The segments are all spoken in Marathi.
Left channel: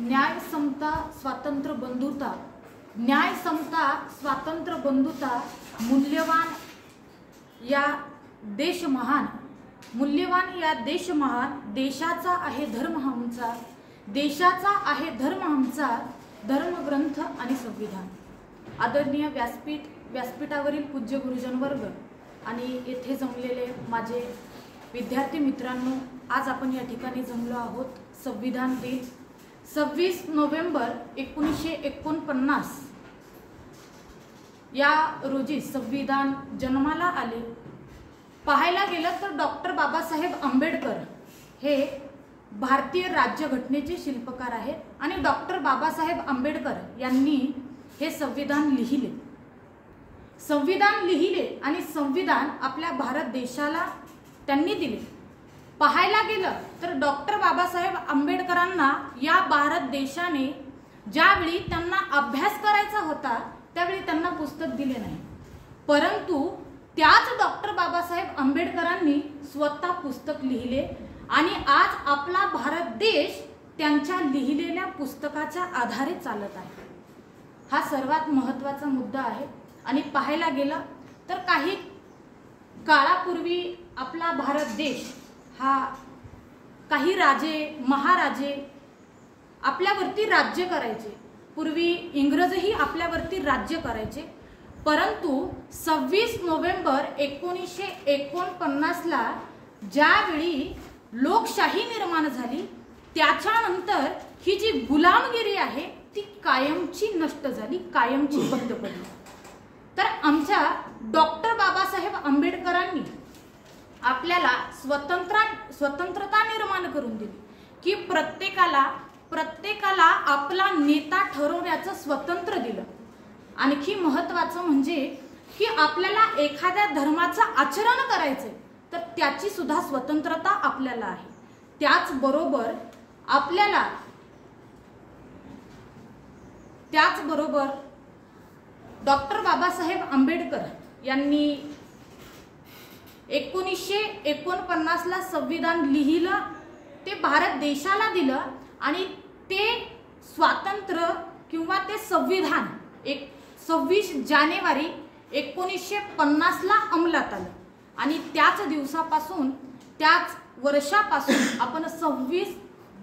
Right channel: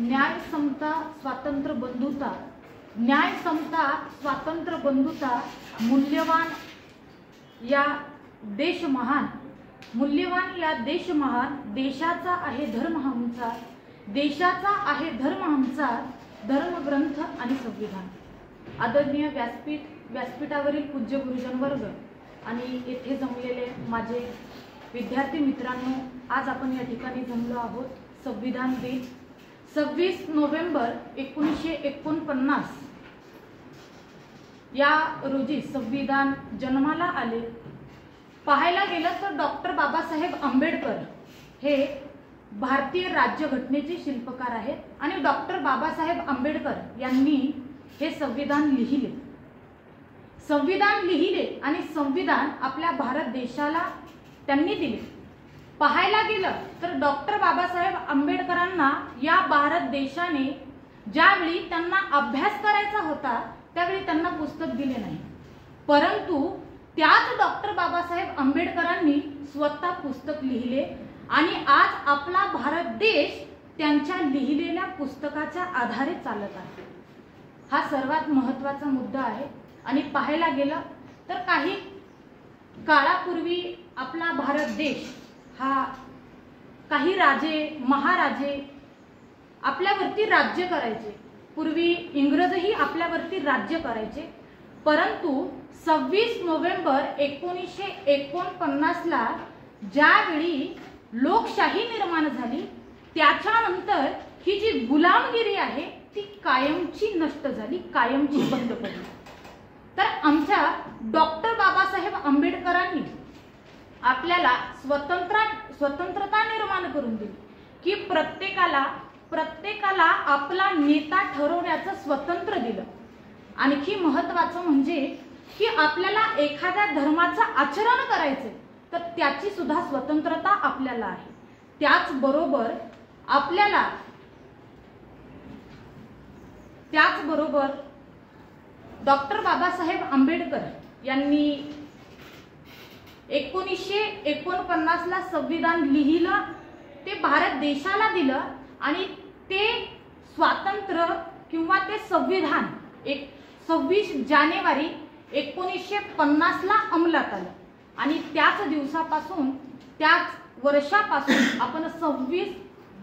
न्याय समता स्वातंत्र्य बंधुता, न्याय समता स्वातंत्र्य बंधुता, मूल्यवान या देश महान, मूल्यवान या देश महान, देशाचा आहे धर्म आमचा, देशाचा आहे धर्म आमचा, धर्मग्रंथ आणि संविधान। आदरणीय व्यासपीठावरील पूज्य गुरुजन वर्ग आणि येथे जमलेले माझे विद्यार्थी मित्रांनो, आज आपण या ठिकाणी जमलो आहोत संविधान दिन 26 नोव्हेंबर 1949 या रोजी संविधान जन्माला आले। पाहायला गेलं तर डॉक्टर बाबासाहेब आंबेडकर हे भारतीय राज्यघटनेचे शिल्पकार आहेत आणि डॉक्टर बाबासाहेब आंबेडकर यांनी हे संविधान लिहिले। संविधान लिहिले आणि संविधान आपल्या भारत देशाला त्यांनी दिले। पाहायला गेलं तर डॉक्टर बाबासाहेब आंबेडकरांना या भारत देशाने ज्यावेळी त्यांना अभ्यास करायचा होता त्यावेळी त्यांना पुस्तक दिले नाही, परंतु त्याच डॉक्टर बाबासाहेब आंबेडकरांनी स्वतः पुस्तक लिहिले आणि आज आपला भारत देश त्यांच्या लिहिलेल्या पुस्तकाच्या आधारे चालत आहे। हा सर्वात महत्त्वाचा मुद्दा आहे। आणि पाहायला गेलं तर काही काळापूर्वी आपला भारत देश हा काही राजे महाराजे आपल्यावरती राज्य करायचे, पूर्वी इंग्रजही आपल्यावरती राज्य करायचे, परंतु 26 नोव्हेंबर 1949 ला ज्यावेळी लोकशाही निर्माण झाली त्याच्यानंतर ही जी गुलामगिरी आहे ती कायमची नष्ट झाली, कायमची बंद पडली। तर आमच्या डॉक्टर बाबासाहेब आंबेडकरांनी आपल्याला स्वतंत्रता निर्माण करून दिली की प्रत्येकाला आपला नेता ठरवण्याचं स्वातंत्र्य दिलं। आणखी महत्त्वाचं म्हणजे की आपल्याला एखाद्या धर्माचं आचरण करायचं तर त्याची सुद्धा स्वतंत्रता आपल्याला आहे। त्याचबरोबर डॉक्टर बाबासाहेब आंबेडकर यांनी 1949 ला संविधान लिहिलं, ते भारत देशाला दिलं आणि ते स्वातंत्र्य किंवा ते संविधान 26 जानेवारी 1950 ला अंमलात आलं आणि त्याच दिवसापासून त्याच वर्षापासून आपण 26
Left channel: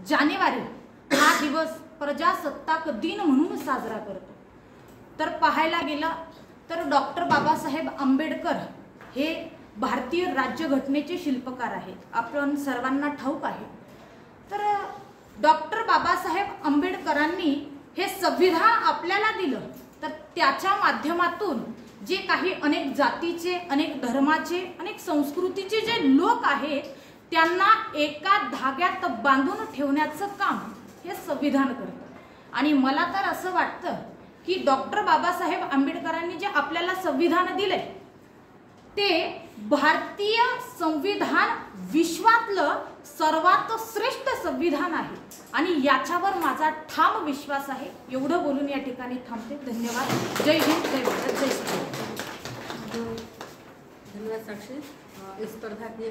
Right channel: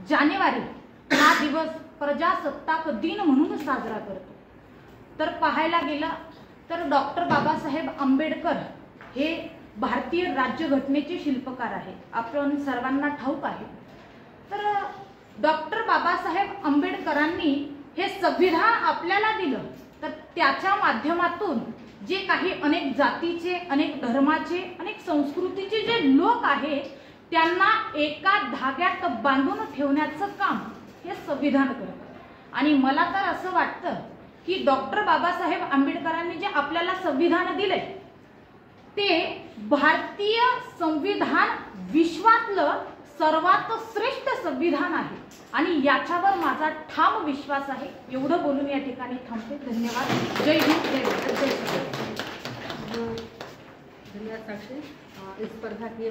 जानेवारी हा दिवस प्रजासत्ताक दिन म्हणून साजरा करतो। तर पाहायला गेलं तर डॉक्टर बाबासाहेब आंबेडकर हे भारतीय राज्यघटनेचे शिल्पकार आहेत, आपण सर्वांना ठाऊक आहे। तर डॉक्टर बाबासाहेब आंबेडकरांनी हे संविधान आपल्याला दिलं, तर त्याच्या माध्यमातून जे काही अनेक जातीचे, अनेक धर्माचे, अनेक संस्कृतीचे जे लोक आहेत त्यांना एका धाग्यात बांधून ठेवण्याचं काम हे संविधान करतं। आणि मला तर असं वाटतं की डॉक्टर बाबासाहेब आंबेडकरांनी जे आपल्याला संविधान दिले ते भारतीय संविधान विश्वातलं सर्वात श्रेष्ठ संविधान आहे आणि याच्यावर माझा ठाम विश्वास आहे। एवढं बोलून या ठिकाणी थांबते। धन्यवाद। जय हिंद, जय भारत, जय श्री राम। धन्यवाद साक्षी। इस स्पर्धा के